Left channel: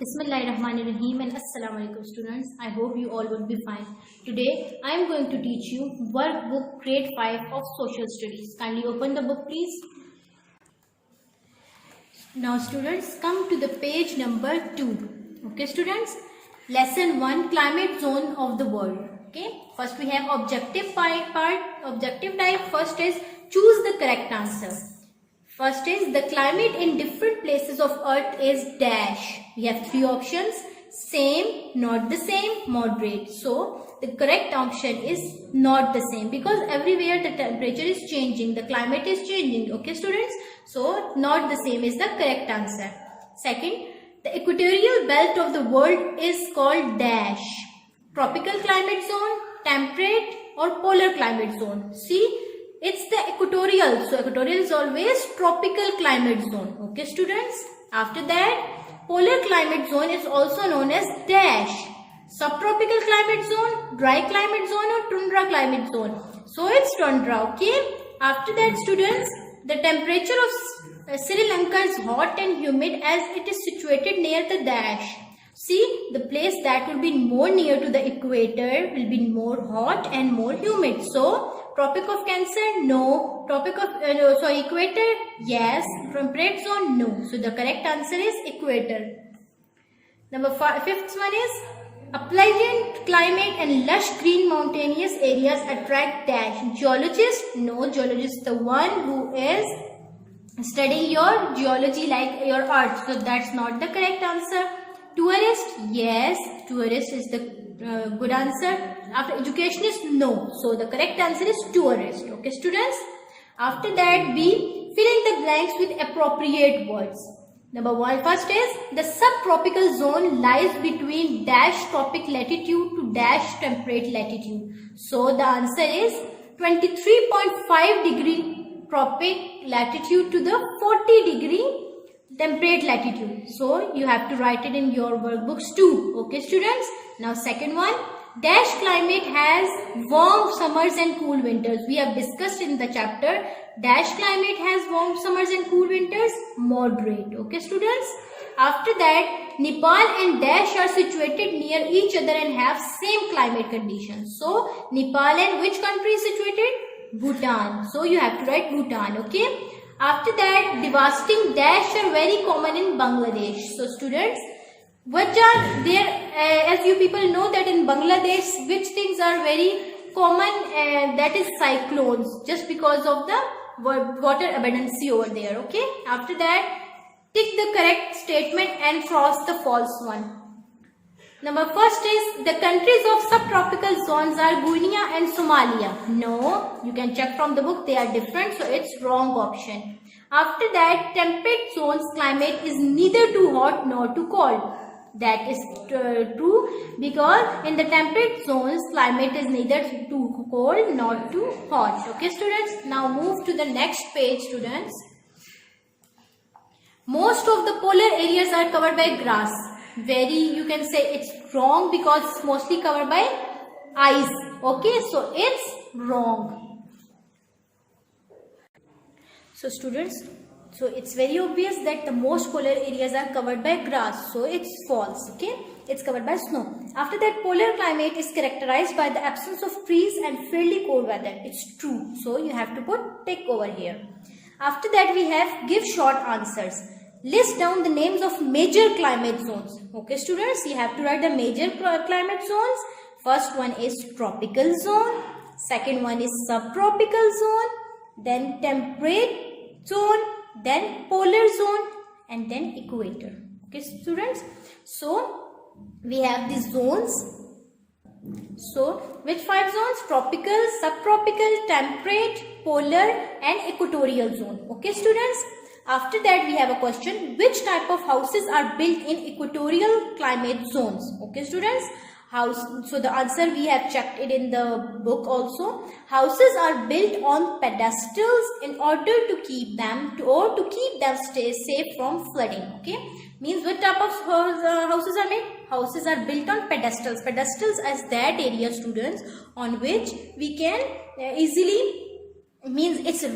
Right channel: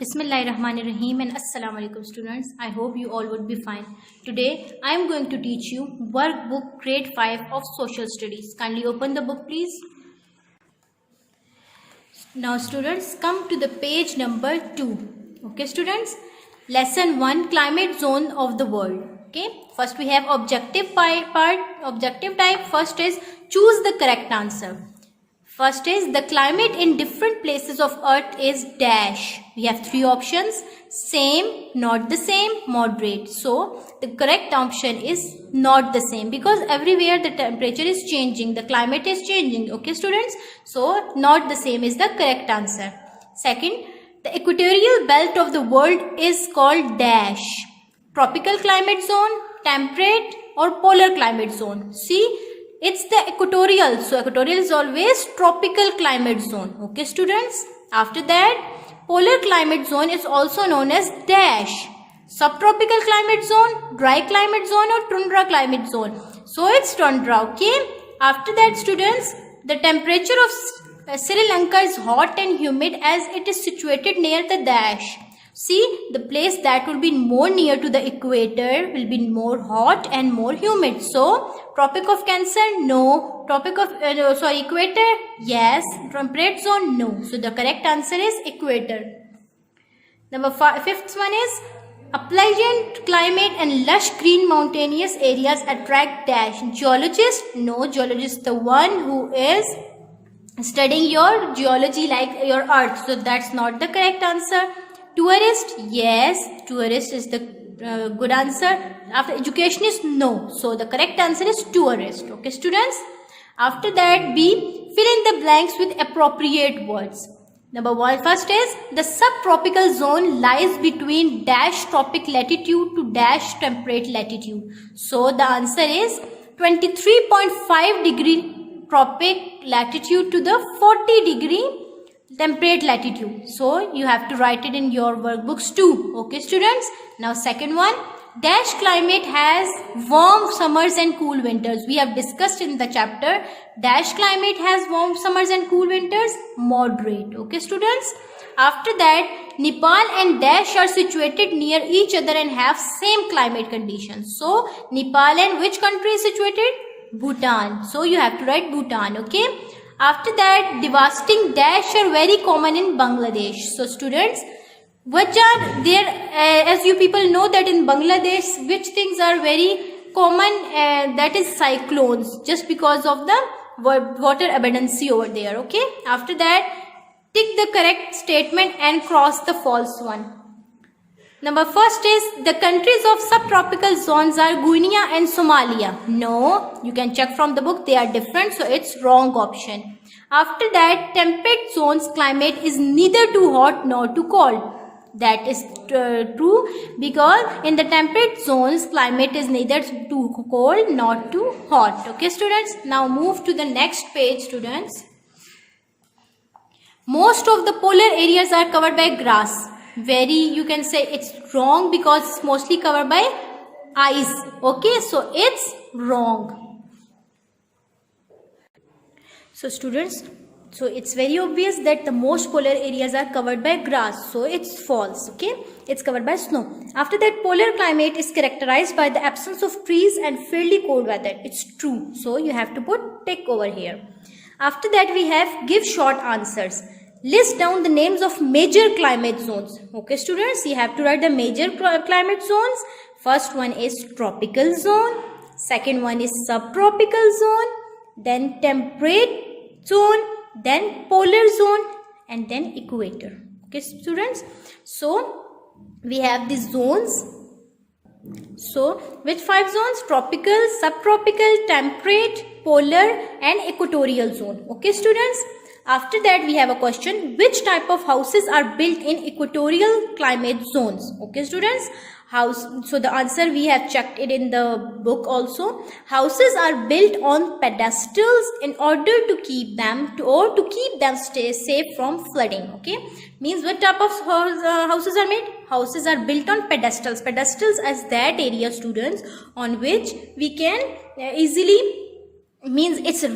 Bismillahirrahmanirrahim and Assalamu alaikum students. I hope you all would be fine. Today I am going to teach you workbook grade 5 of social studies. Kindly open the book please. Now students, come to the page number 2. Okay students, lesson 1, climate zone of the world. Okay, first we have objective part, objective type. First is choose the correct answer. First is the climate in different places of earth is dash. We have 3 options: same, not the same, moderate. So the correct option is not the same, because everywhere the temperature is changing, the climate is changing. Okay students, so not the same is the correct answer. Second, the equatorial belt of the world is called dash. Tropical climate zone, temperate or polar climate zone. See, it's the equatorial, so equatorial is always tropical climate zone. Okay students, after that polar climate zone is also known as dash. Subtropical climate zone, dry climate zone or tundra climate zone, so it's tundra. Okay, after that students, the temperature of Sri Lanka is hot and humid as it is situated near the dash. See, the place that will be more near to the equator will be more hot and more humid. So, Tropic of Cancer, no. Tropic of, equator, yes. Temperate zone, no. So, the correct answer is equator. Number 5, fifth one is, a pleasant climate and lush green mountainous areas attract dash. Geologist, no. Geologist, the one who is studying your geology like your earth. So, that's not the correct answer. Tourist, yes, tourist is the good answer. After educationist, no. So the correct answer is tourist. Okay students. After that, B, fill in the blanks with appropriate words. Number 1, first is the subtropical zone lies between dash tropic latitude to dash temperate latitude. So the answer is 23.5 degree tropic latitude to the 40 degree temperate latitude. So you have to write it in your workbooks too. Okay students. Now second one, dash climate has warm summers and cool winters. We have discussed in the chapter, dash climate has warm summers and cool winters, moderate. Okay students. After that, Nepal and dash are situated near each other and have same climate conditions. So Nepal and which country is situated? Bhutan. So you have to write Bhutan. Okay. After that, devastating dash are very common in Bangladesh. So students, which are there, as you people know that in Bangladesh, which things are very common, that is cyclones, just because of the water abundance over there. Okay. After that, tick the correct statement and cross the false one. Number first is, the countries of subtropical zones are Guinea and Somalia. No, you can check from the book, they are different, so it's wrong option. After that, temperate zones climate is neither too hot nor too cold. That is true, because in the temperate zones climate is neither too cold nor too hot. Okay students, now move to the next page students. Most of the polar areas are covered by grass. You can say it's wrong, because it's mostly covered by ice. Okay, so it's wrong. So students, so it's very obvious that the most polar areas are covered by grass, so it's false. Okay, it's covered by snow. After that, polar climate is characterized by the absence of trees and fairly cold weather. It's true, so you have to put tick over here. After that, we have give short answers. List down the names of major climate zones. Okay students, you have to write the major climate zones. First one is tropical zone, second one is subtropical zone, then temperate zone, then polar zone, and then equator. Okay students, so we have these zones. So which 5 zones? Tropical, subtropical, temperate, polar and equatorial zone. Okay students. After that, we have a question, which type of houses are built in equatorial climate zones? Okay students, so the answer we have checked it in the book also. Houses are built on pedestals in order to keep them stay safe from flooding. Okay, means what type of houses are made? Houses are built on pedestals. Pedestals as that area students on which we can easily, means it's a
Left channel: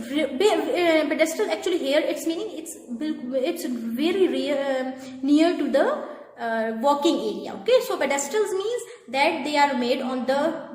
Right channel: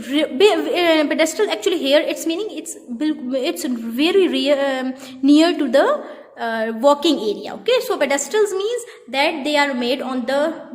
pedestal. Actually here it's meaning it's very near to the walking area. Okay, so pedestals means that they are made on the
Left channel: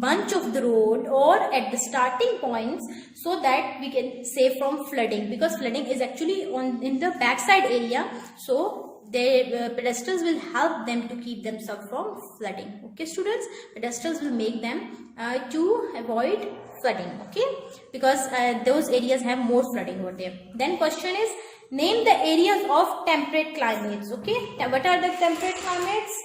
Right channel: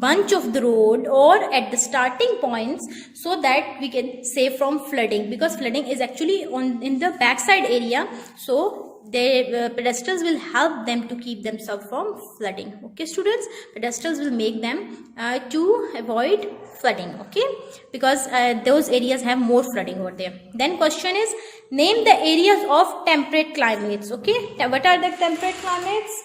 bunch of the road or at the starting points, so that we can save from flooding, because flooding is actually in the backside area. So the pedestals will help them to keep themselves from flooding. Okay students, pedestals will make them to avoid flooding. Okay, because those areas have more flooding over there. Then question is, name the areas of temperate climates. Okay, what are the temperate climates?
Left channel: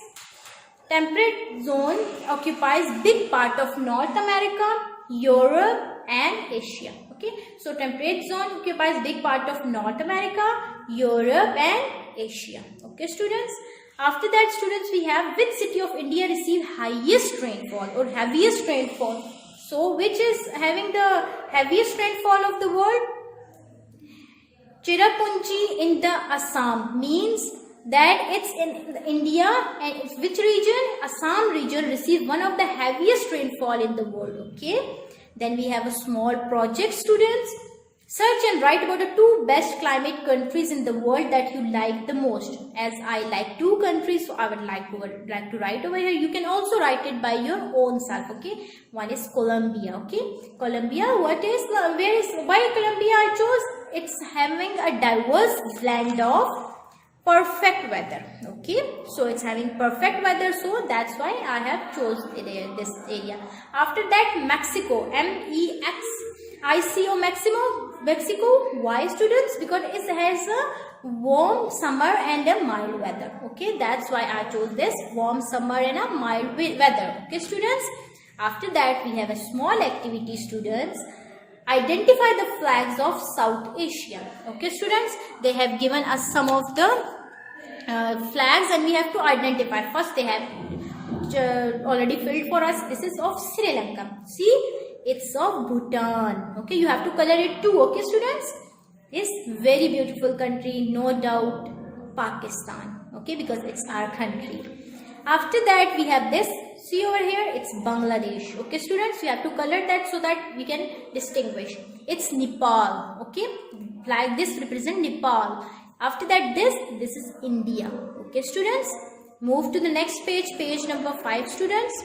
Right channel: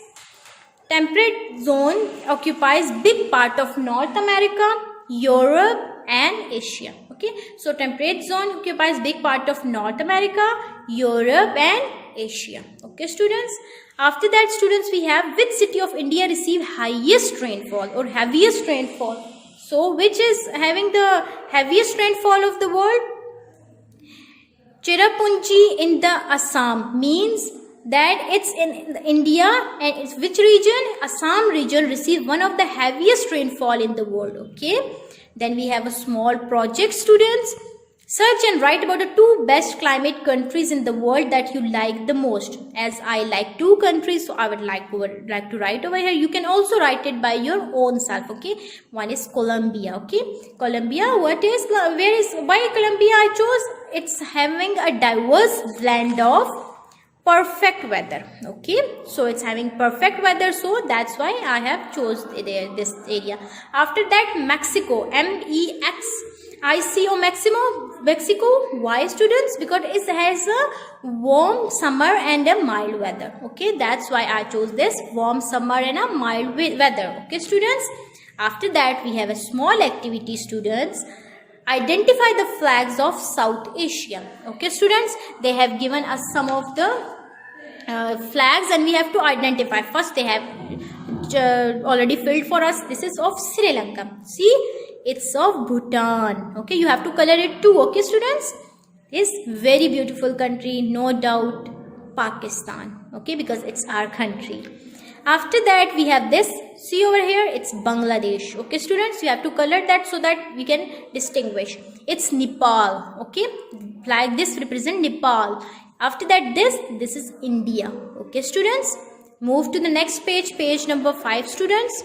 Temperate zone occupies big part of North America, Europe and Asia. Okay, so temperate zone occupies big part of North America, Europe and Asia. Okay students, after that students, we have which city of India receive highest rainfall or heaviest rainfall. So which is having the heaviest rainfall of the world? Cherrapunji in the Assam, means that it's in India, and it's which region? Assam region receive one of the heaviest rainfall in the world. Okay, then we have a small project students. Search and write about the 2 best climate countries in the world that you like the most. As I like 2 countries, so I would like to write over here. You can also write it by your own self. Okay, one is Colombia. Okay, Colombia, why Colombia I chose? It's having a diverse blend of perfect weather. Okay, so it's having perfect weather, so that's why I have chose this area. After that, Mexico, Mexico. Why students? Because it has a warm summer and a mild weather. Okay, that's why I chose this warm summer and a mild weather. Okay students, after that we have a small activity students. Identify the flags of South Asia. Okay students, they have given us some of the flags and we have to identify. First they have already filled for us. This is of Sri Lanka. See, it's of Bhutan. Okay, you have to color it too. Okay students, this very beautiful country, no doubt Pakistan. Okay, because it's our country. After that we have this, see over here, it's Bangladesh. Okay students, you have to color that so that we can distinguish. It's Nepal. Okay, like this represent Nepal. After that this is India. Okay students, move to the next page, page number 5 students.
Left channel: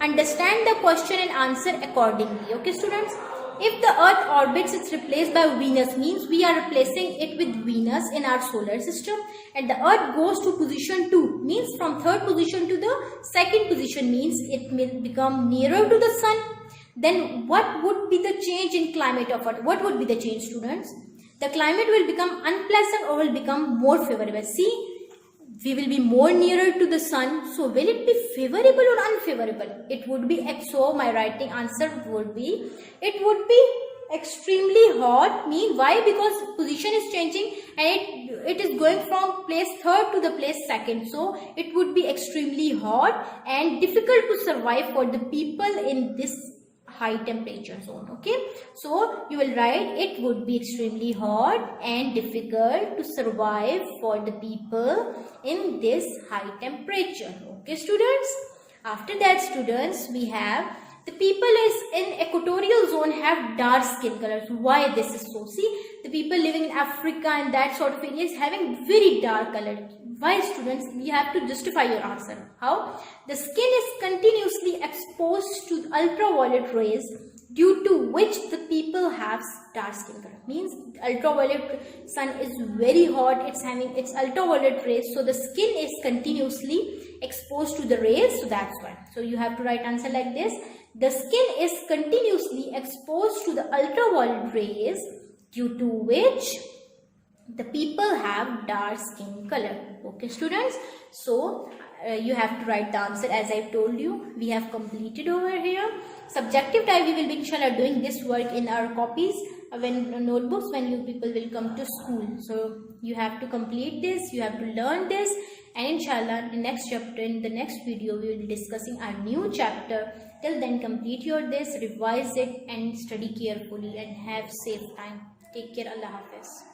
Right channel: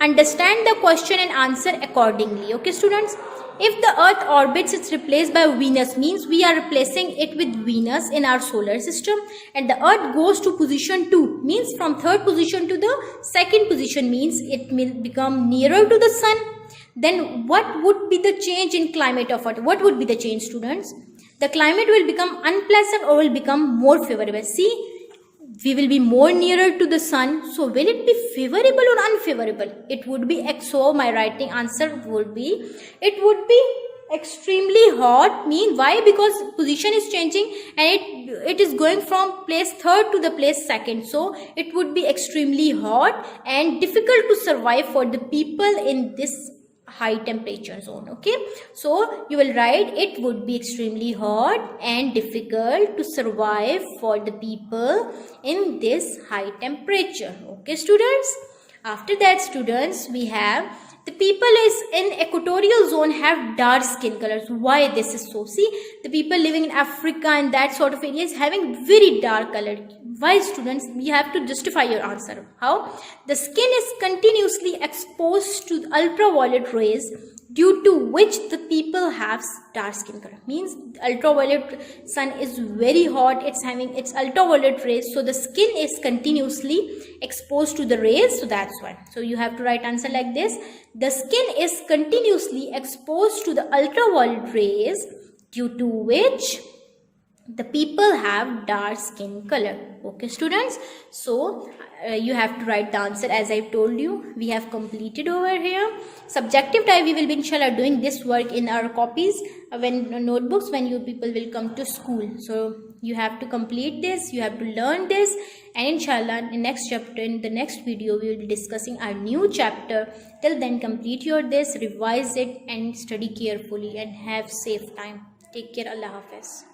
Understand the question and answer accordingly. Okay students, if the earth orbits, it's replaced by Venus, means we are replacing it with Venus in our solar system, and the earth goes to position 2, means from 3rd position to the 2nd position, means it will become nearer to the sun. Then what would be the change in climate of earth? What would be the change students? The climate will become unpleasant or will become more favorable. See, we will be more nearer to the sun, so will it be favorable or unfavorable? It would be, so my writing answer would be, it would be extremely hot. Mean why? Because position is changing and it is going from place 3rd to the place 2nd, so it would be extremely hot and difficult to survive for the people in this high temperature zone. Okay, so you will write, it would be extremely hot and difficult to survive for the people in this high temperature. Okay students, after that students, we have the people is in equatorial zone have dark skin colors. Why this is so? See, the people living in Africa and that sort of area is having very dark color. Why students? You have to justify your answer. How? The skin is continuously exposed to ultraviolet rays, due to which the people have dark skin color. Means ultraviolet sun is very hot, it's having its ultraviolet rays, so the skin is continuously exposed to the rays, so that's why. So you have to write answer like this. The skin is continuously exposed to the ultraviolet rays, due to which the people have dark skin color. Okay students, so you have to write the answer as I told you. We have completed over here. Subjective type, we will be inshallah doing this work in our copies, when notebooks, when you people will come to school. So you have to complete this, you have to learn this, and inshallah in the next chapter, in the next video, we will be discussing our new chapter. Till then, complete your this, revise it and study carefully and have safe time. Take care. Allah Hafiz.